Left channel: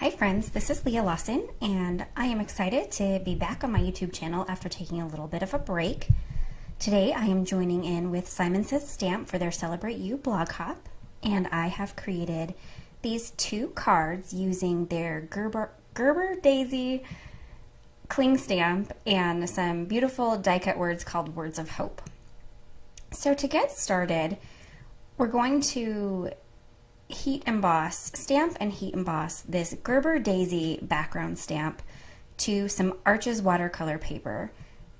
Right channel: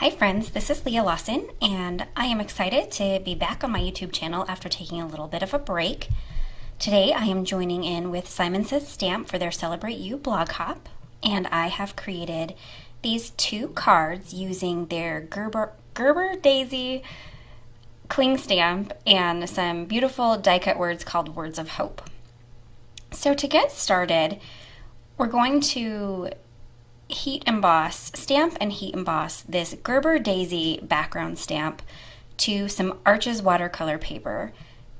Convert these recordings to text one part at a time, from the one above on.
Hi friends, this is Leah Lawson, and I am excited to be back on my YouTube channel after taking a little bit of a break. Today I am joining in with Simon Says Stamp for their Celebrate You blog hop, and I have created these two cards using their Gerber Daisy cling stamp and some beautiful die cut words called Words of Hope. So to get started, we're going to stamp and heat emboss this Gerber Daisy background stamp to some Arches watercolor paper.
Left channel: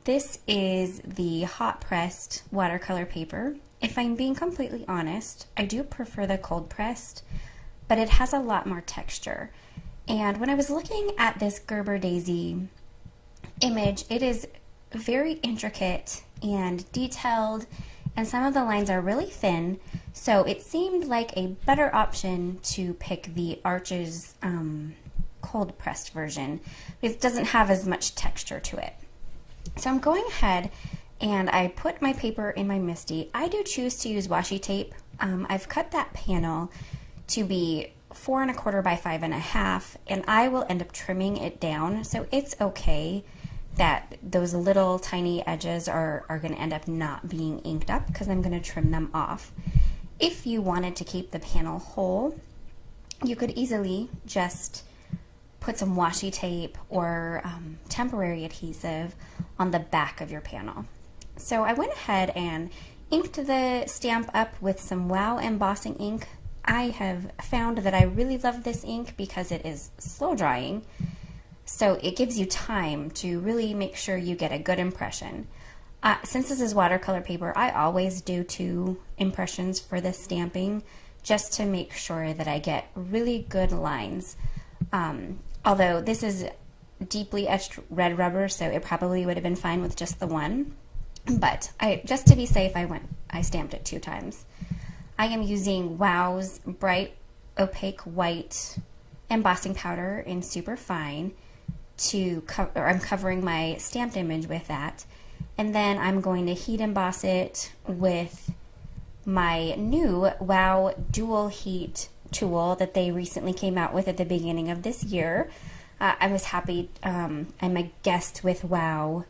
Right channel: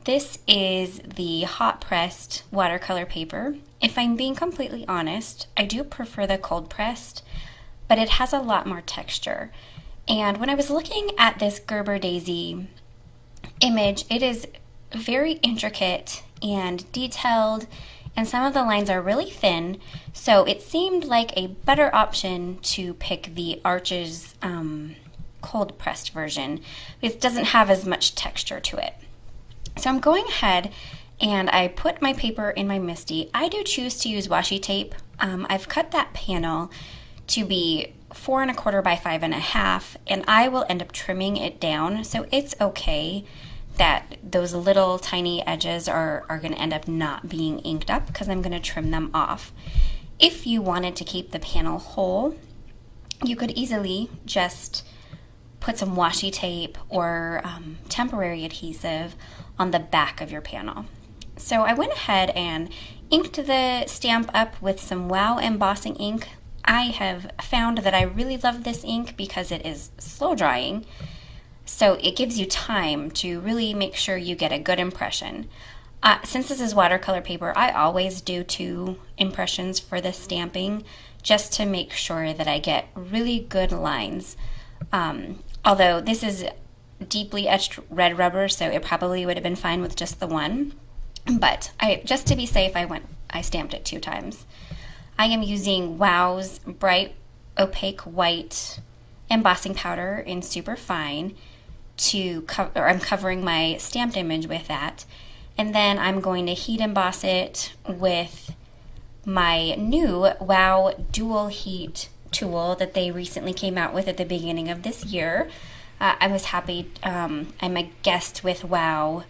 This is the hot pressed watercolor paper. If I'm being completely honest, I do prefer the cold pressed, but it has a lot more texture. And when I was looking at this Gerber Daisy image, it is very intricate and detailed, and some of the lines are really thin, so it seemed like a better option to pick the Arches cold pressed version. It doesn't have as much texture to it. So I'm going ahead and I put my paper in my MISTI. I do choose to use washi tape. I've cut that panel to be 4 1/4 by 5 1/2, and I will end up trimming it down, so it's okay that those little tiny edges are going to end up not being inked up because I'm going to trim them off. If you wanted to keep the panel whole, you could easily just put some washi tape or temporary adhesive on the back of your panel. So I went ahead and inked the stamp up with some WOW embossing ink. I have found that I really love this ink because it is slow drying, so it gives you time to really make sure you get a good impression. Since this is watercolor paper, I always do 2 impressions for this stamping just to make sure that I get really good lines. Although this is deeply etched red rubber, so it probably would have been fine with just the one. But just to be safe, I stamped it 2 times. I am using WOW's bright opaque white embossing powder in super fine I'm covering my stamped image with that, and then I'm going to heat emboss it with my new WOW dual heat tool that they recently came out with at the beginning of this year. I was happy. I'm a guest with WOW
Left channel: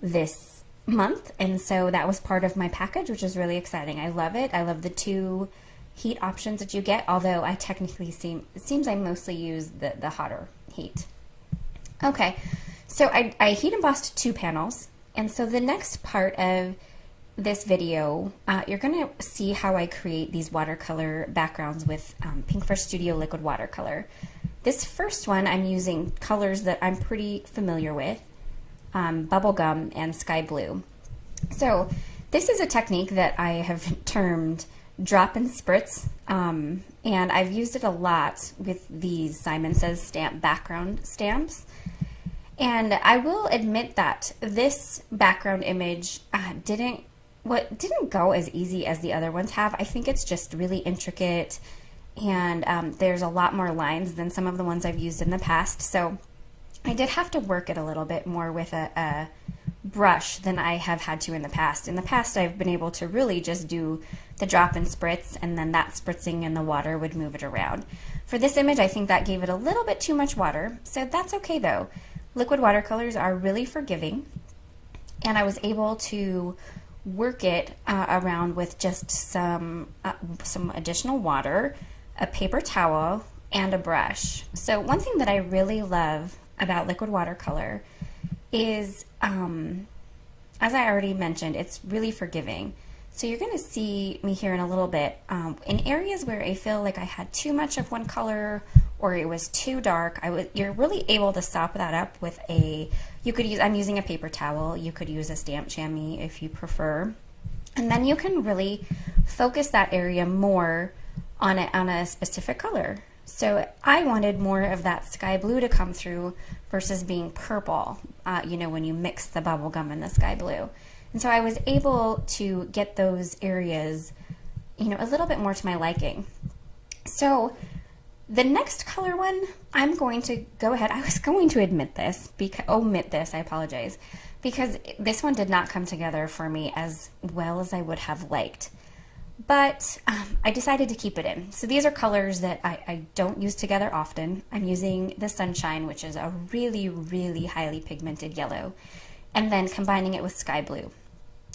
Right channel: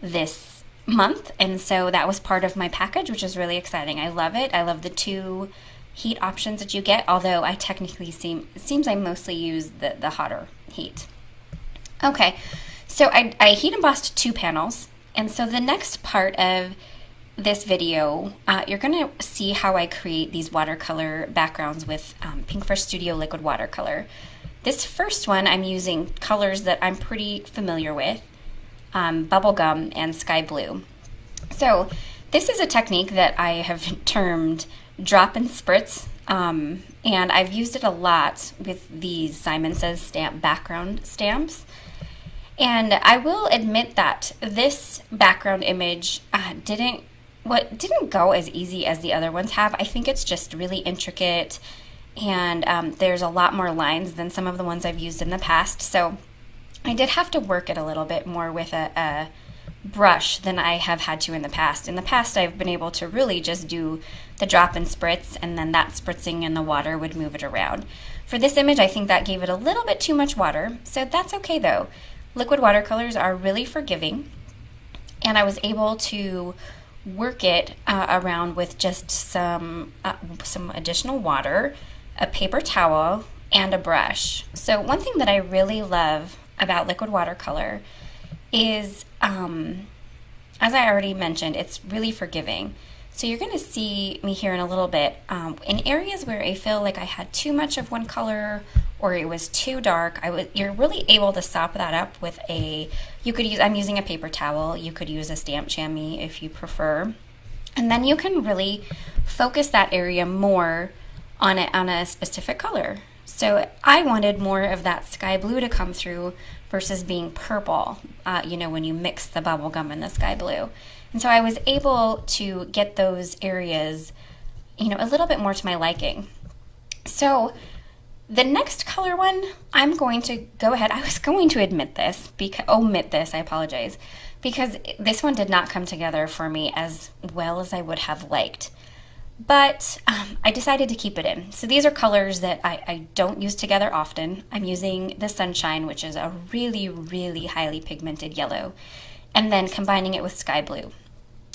this month, and so that was part of my package, which is really exciting. I love it. I love the 2 heat options that you get, although I technically it seems I mostly use the hotter heat. Okay, so I heat embossed 2 panels, and so the next part of this video, you're going to see how I create these watercolor backgrounds with Pinkfresh Studio Liquid Watercolor. This first one, I'm using colors that I'm pretty familiar with, bubblegum and sky blue. So this is a technique that I have termed drop and spritz, and I've used it a lot with these Simon Says Stamp background stamps. And I will admit that this background image didn't go as easy as the other ones have. I think it's just really intricate, and there's a lot more lines than some of the ones I've used in the past. So I did have to work it a little bit more with a brush than I have had to in the past. In the past, I've been able to really just do the drop and spritz, and then that spritzing in the water would move it around. For this image, I think that gave it a little bit too much water, so that's okay though. Liquid watercolors are really forgiving, and I was able to work it around with just some additional water, a paper towel, and a brush. So one thing that I really love about liquid watercolor is, as I already mentioned, it's really forgiving. So you're going to see me here in a little bit. In areas where I feel like I had too much of one color or it was too dark, you're really able to sop that up with I'm using a paper towel. You could use a stamp chamois if you prefer. And then you can really focus that area more on a specific color. So I wanted more of that sky blue to come through versus being purple, when you mix the bubblegum and the sky blue. And so I was able to get those areas, a little bit more to my liking. So the next color one, I'm going to go ahead. I was going to omit this, I apologize, because this one did not come together for me as well as I would have liked. but I decided to keep it in. So these are colors that I don't use together often. I'm using the Sunshine, which is a really, really highly pigmented yellow, and then combining it with sky blue.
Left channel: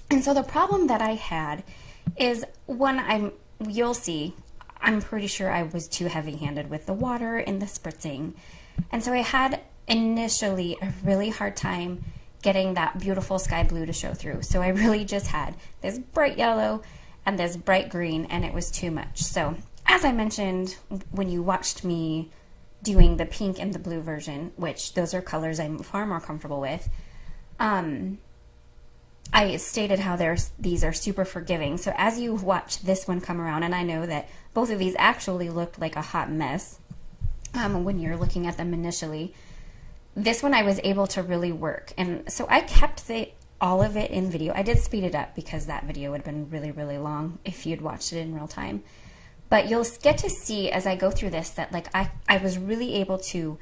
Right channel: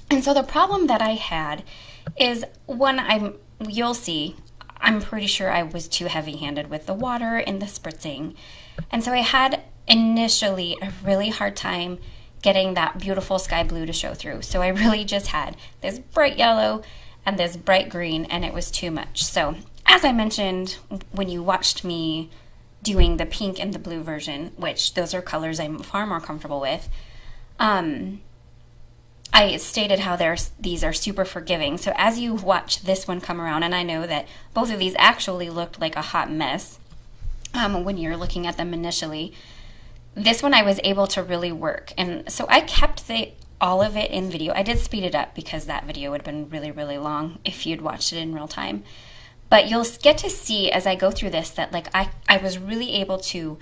And so the problem that I had is you'll see, I'm pretty sure I was too heavy-handed with the water and the spritzing. And so I had initially a really hard time getting that beautiful sky blue to show through. So I really just had this bright yellow and this bright green, and it was too much. So as I mentioned when you watched me doing the pink and the blue version, which those are colors I'm far more comfortable with, I stated how these are super forgiving. So as you watch this one come around, and I know that both of these actually looked like a hot mess when you're looking at them initially, this one I was able to really work. And so I kept all of it in video. I did speed it up because that video would have been really, really long if you'd watched it in real time. But you'll get to see as I go through this that like I was really able to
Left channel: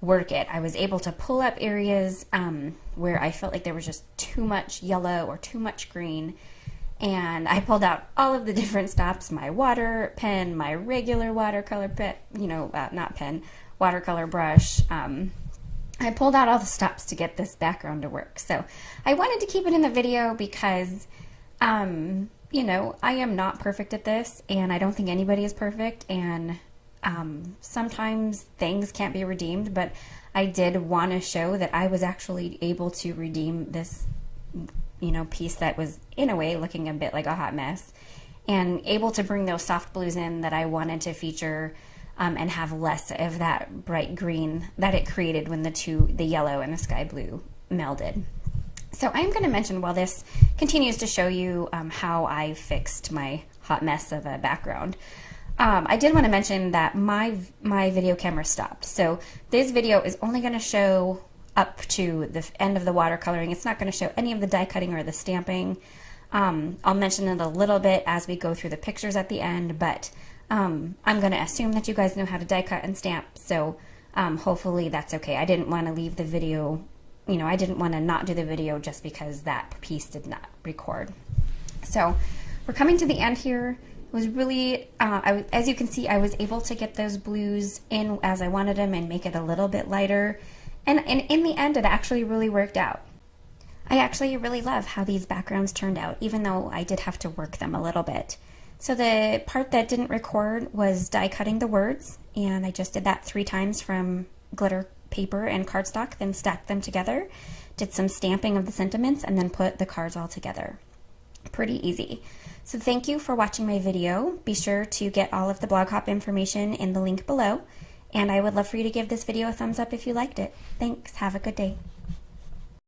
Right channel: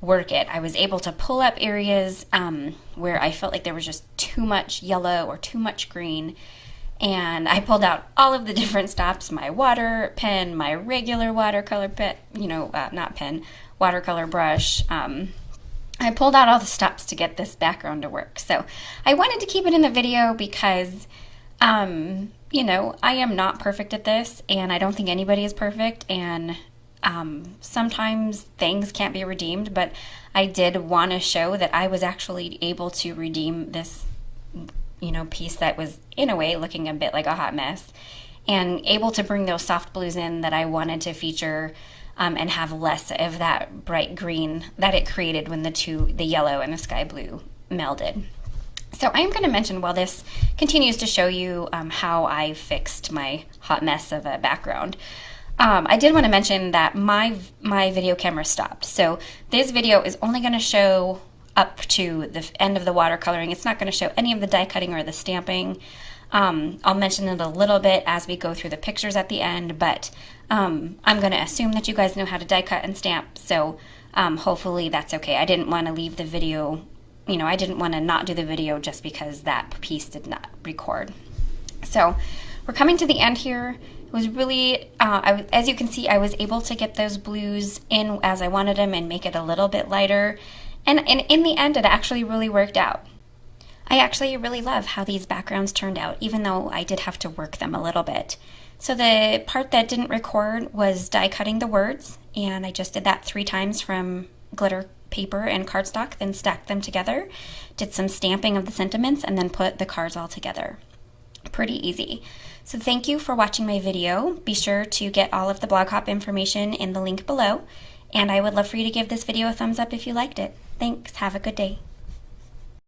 work it. I was able to pull up areas where I felt like there was just too much yellow or too much green, and I pulled out all of the different stops, my water pen, my regular watercolor pen, watercolor brush. I pulled out all the stops to get this background to work. So I wanted to keep it in the video because I am not perfect at this, and I don't think anybody is perfect, and sometimes things can't be redeemed, but I did want to show that I was actually able to redeem this, piece that was in a way looking a bit like a hot mess, and able to bring those soft blues in that I wanted to feature, and have less of that bright green that it created when the yellow and the sky blue melded. So I'm going to mention while this continues to show you how I fixed my hot mess of a background. I did want to mention that my video camera stopped. So this video is only going to show up to the end of the watercoloring. It's not going to show any of the die cutting or the stamping. I'll mention it a little bit as we go through the pictures at the end, but I'm going to assume that you guys know how to die cut and stamp. So hopefully that's okay. I didn't want to leave the video, I didn't want to not do the video just because that piece did not record. So we're coming to the end here. It was really, as you can see, I was able to get those blues in as I wanted them and make it a little bit lighter. And in the end, it actually really worked out. I actually really love how these backgrounds turned out, even though I did have to work them a little bit. So the part that didn't record was die cutting the words, and I just did that 3 times from glitter paper and cardstock, then stacked them together, did some stamping of the sentiments, and then put the cards all together. Pretty easy. So thank you for watching my video. Be sure to get all of the blog hop information in the link below, and I would love for you to give this video a thumbs up if you liked it. Thanks. Have a good day.